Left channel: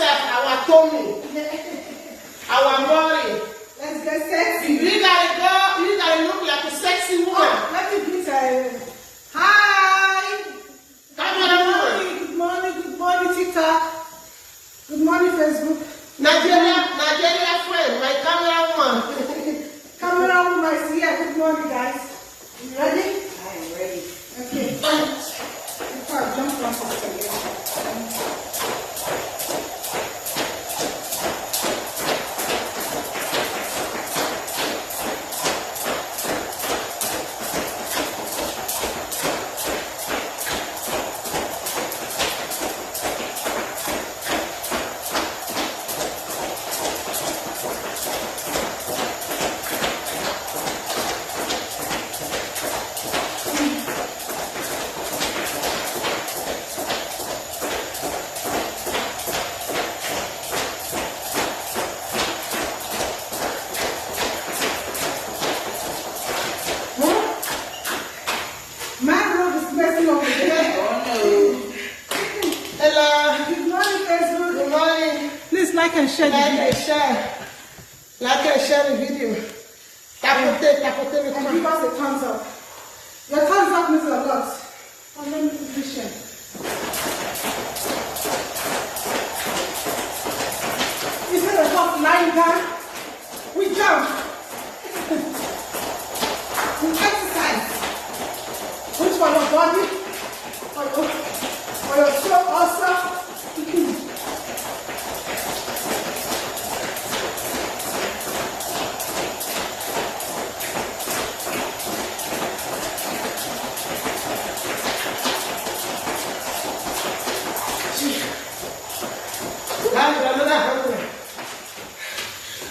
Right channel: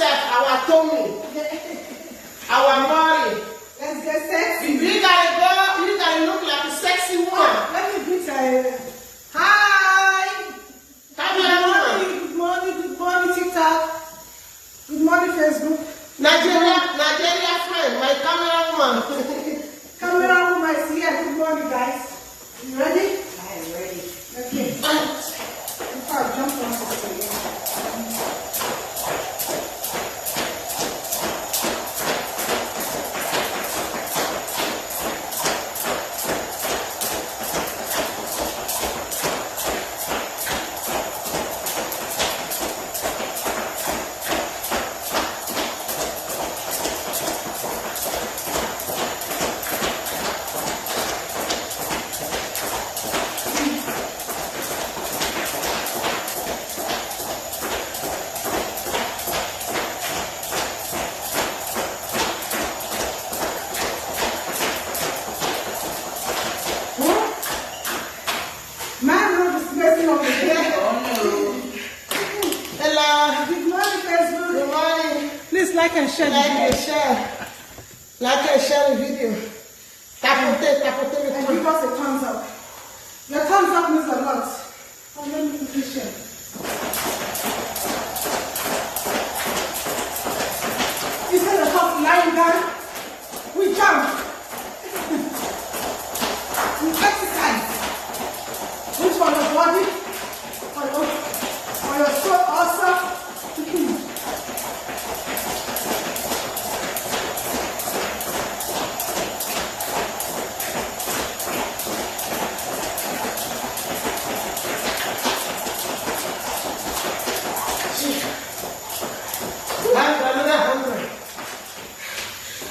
ourselves, our tummy, our body. Let's get sexy. You gotta look like a sexy woman. Oh, let me greet her. Hi. Good morning, TikTok. Good morning, Facebook. Nigeria friend, my camera woman. Camera woman is here. Good morning, guys. You ready? I'm ready. Okay. Before I jump on this. Like and share the video. Tapote. And give us a thumbs up. Your thumbs up means a lot. How many people share? Instead of lying down, we jump. We exercise. Which for your body, for your soul also.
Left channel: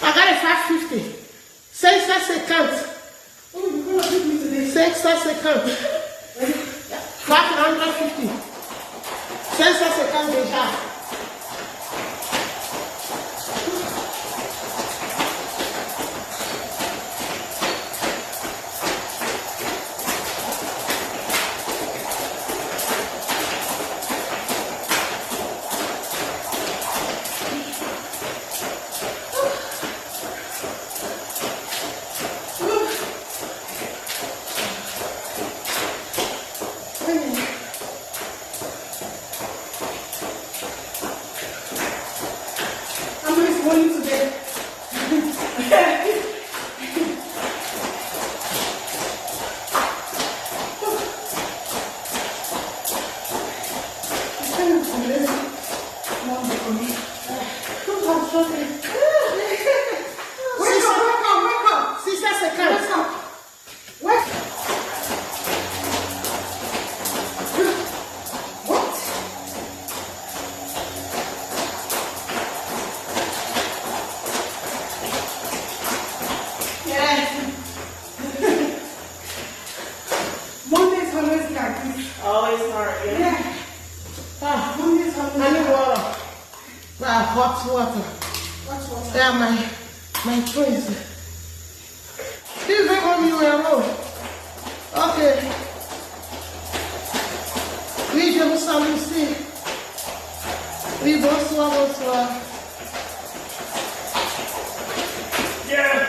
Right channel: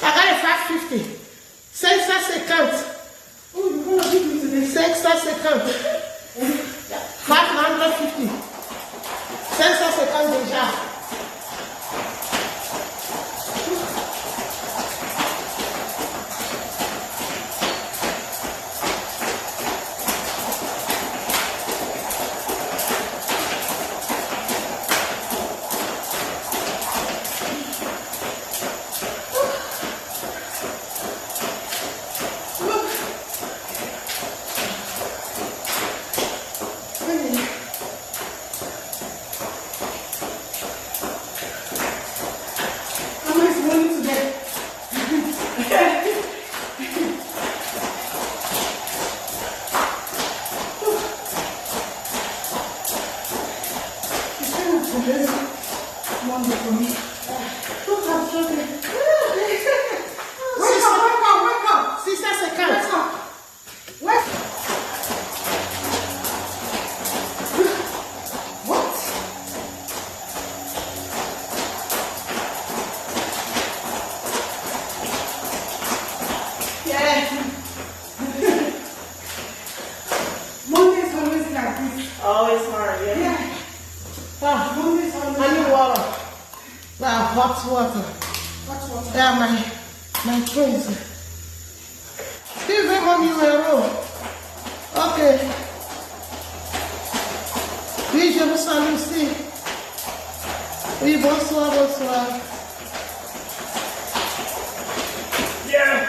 I got a 550. 550. 550. 550 déjà. Always hard, yeah. I need water. Hot water. Yeah, my twins. Please don't want me alone. Okay. Oui, je vous salue aussi. Oui, bonsoir. Yeah.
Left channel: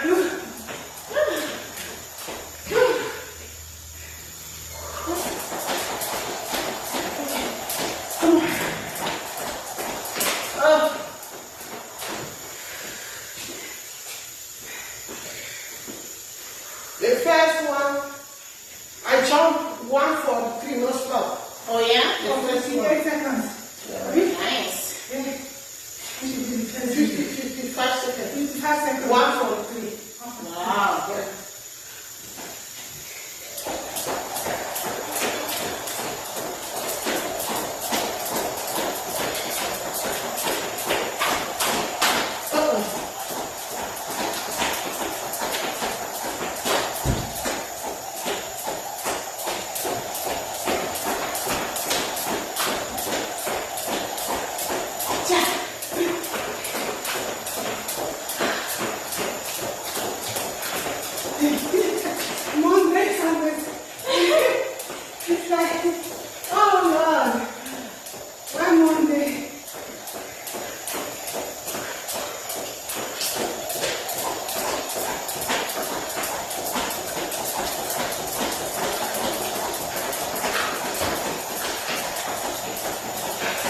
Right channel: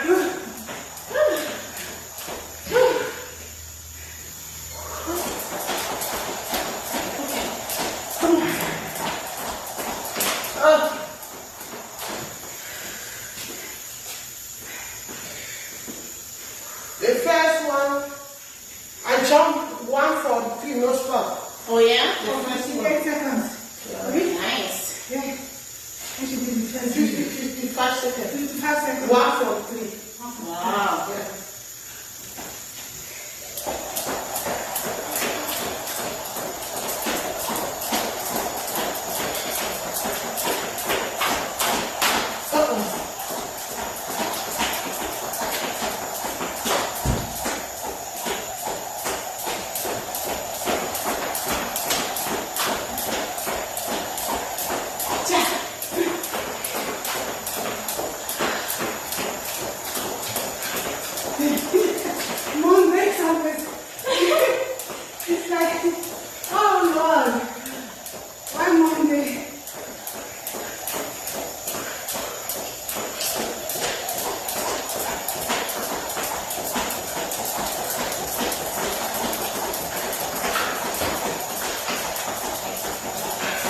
The first one, I jumped 143, no stop. Oh yeah? The first 58 seconds. Nice. Yeah. 55 seconds. 55 seconds. 143. Wow. Yeah.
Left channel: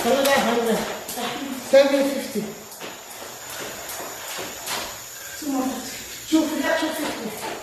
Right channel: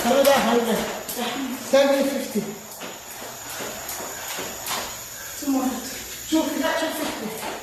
Another 100. 750. 250. 250.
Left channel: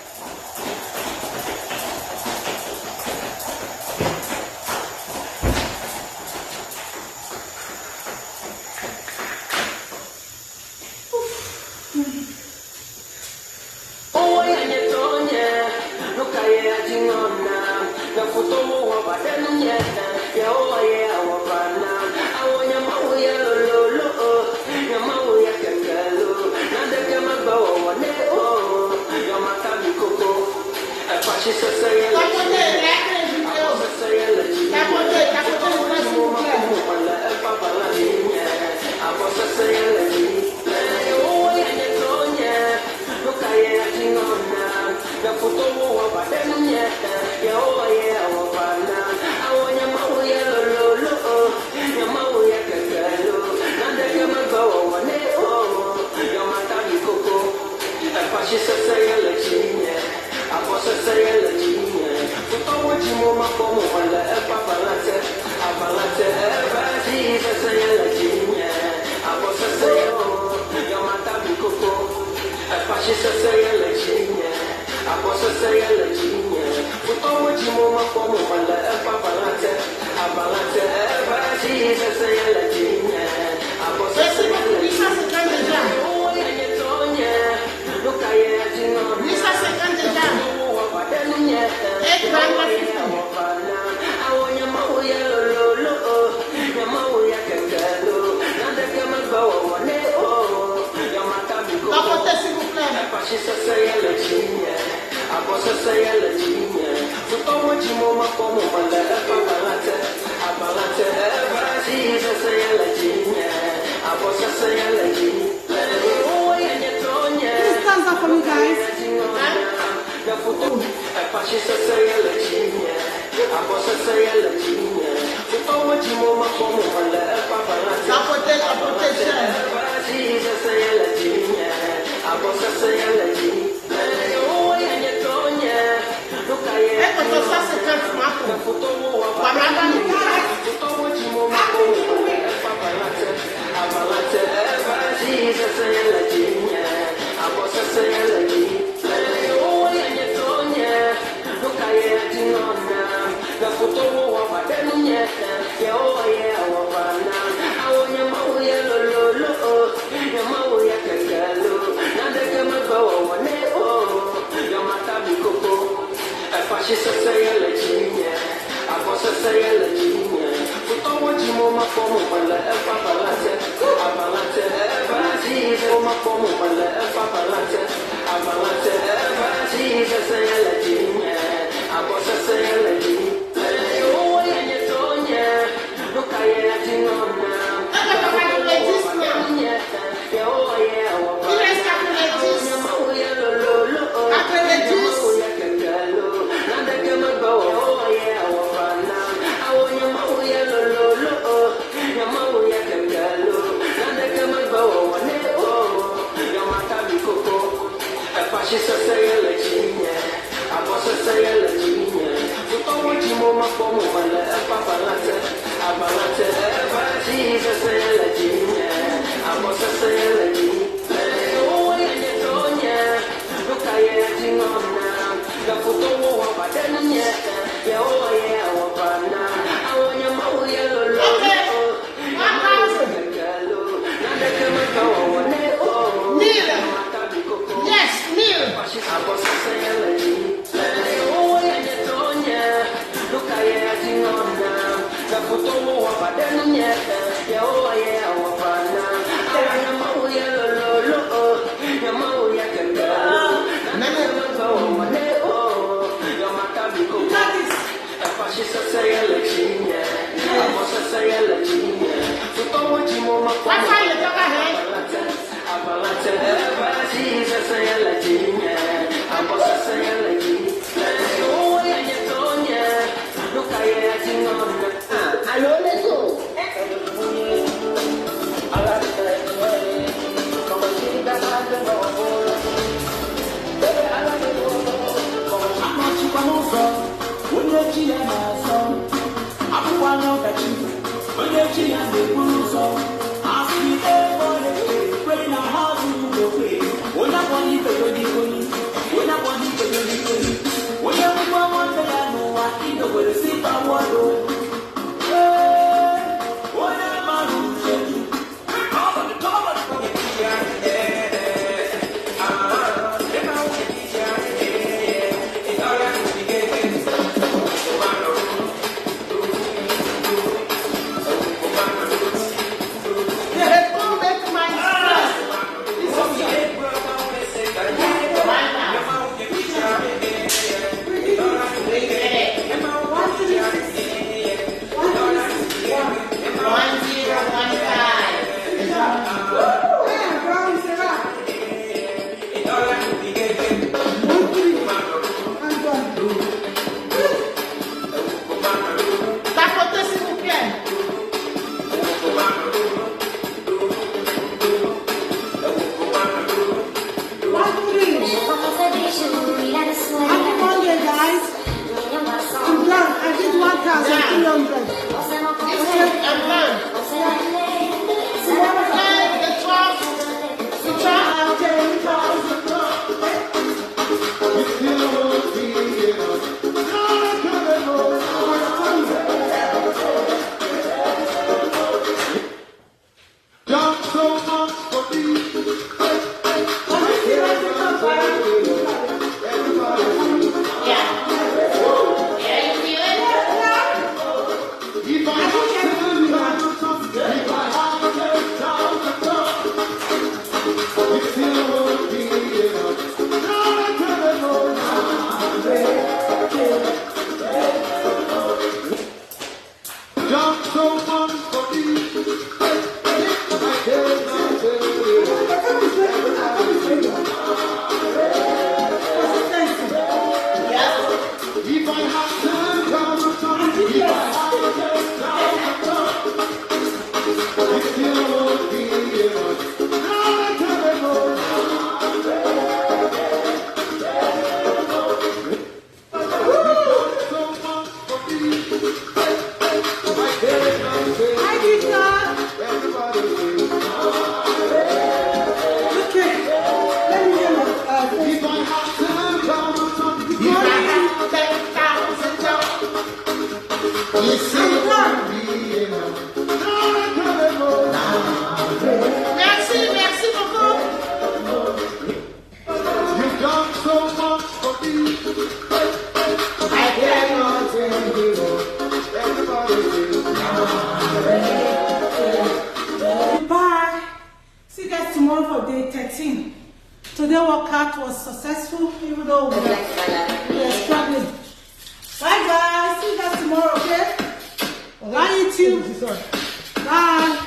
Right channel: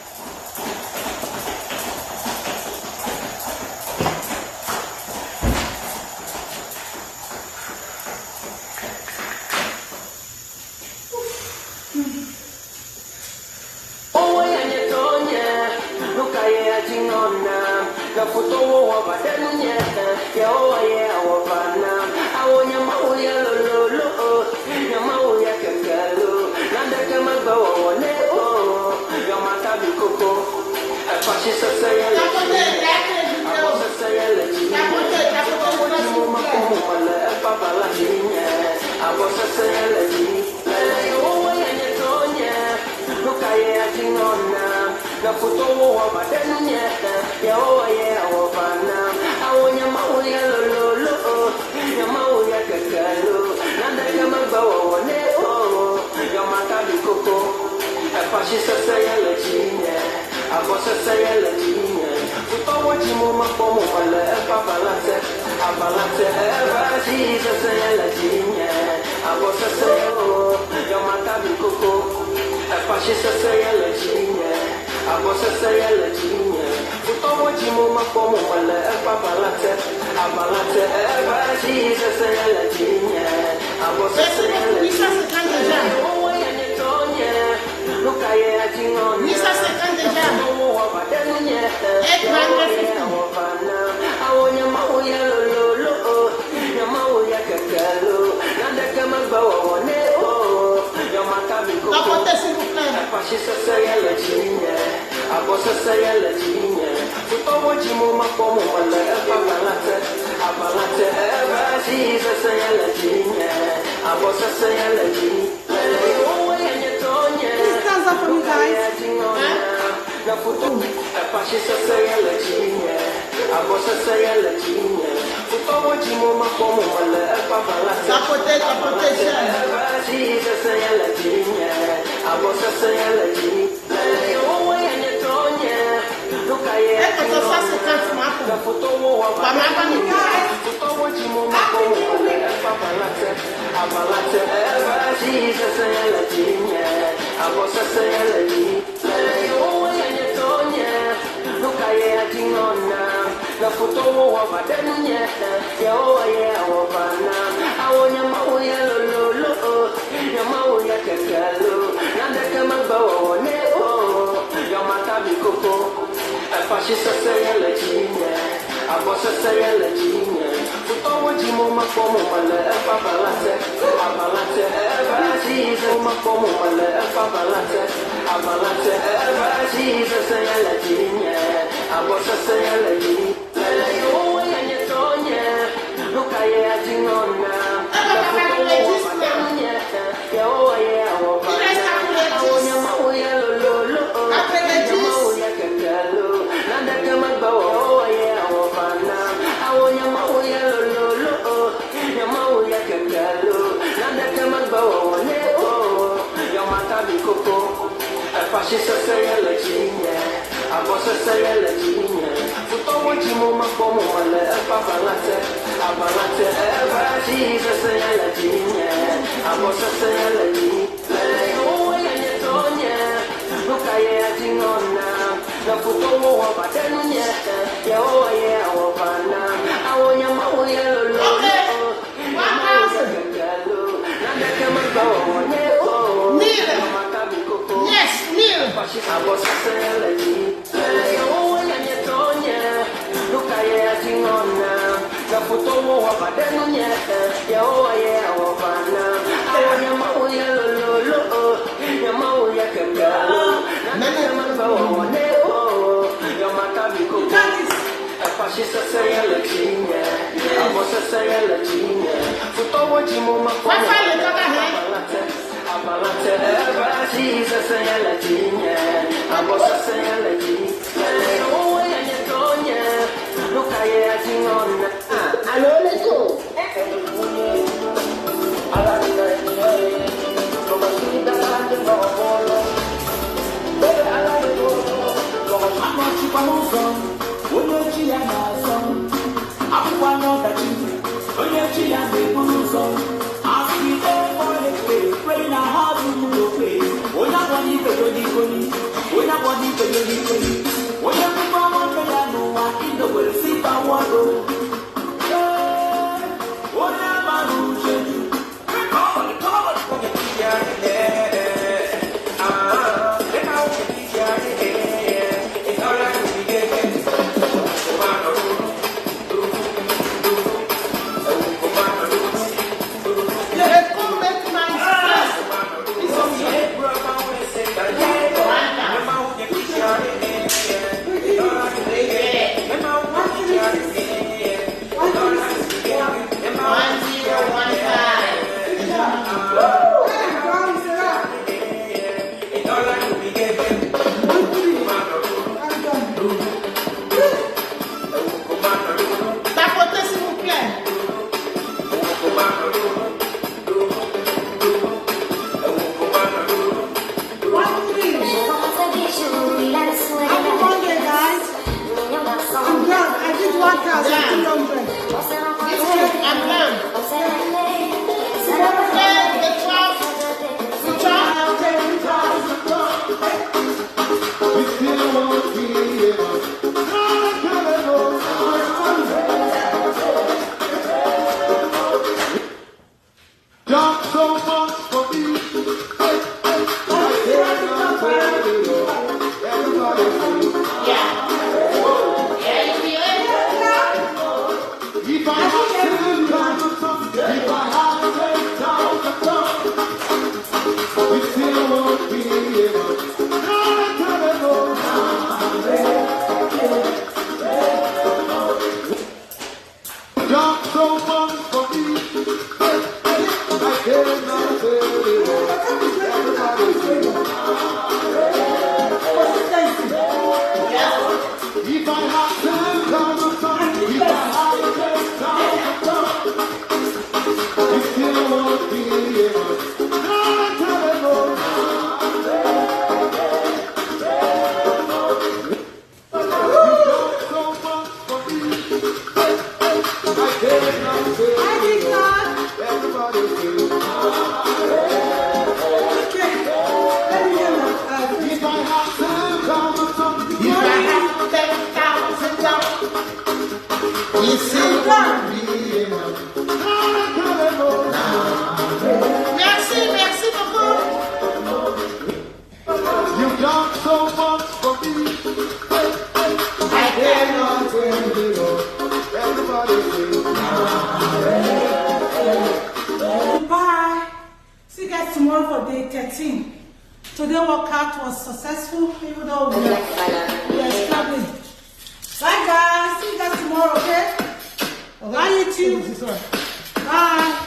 I'm Yeah. Yeah, you feel it? Merci, merci beaucoup. I cannot tell you. Bye. See you guys tomorrow for day 13. Today workout was successful, even though we are struggling. Bye guys. See you guys tomorrow, okay? Bye YouTube. Bye.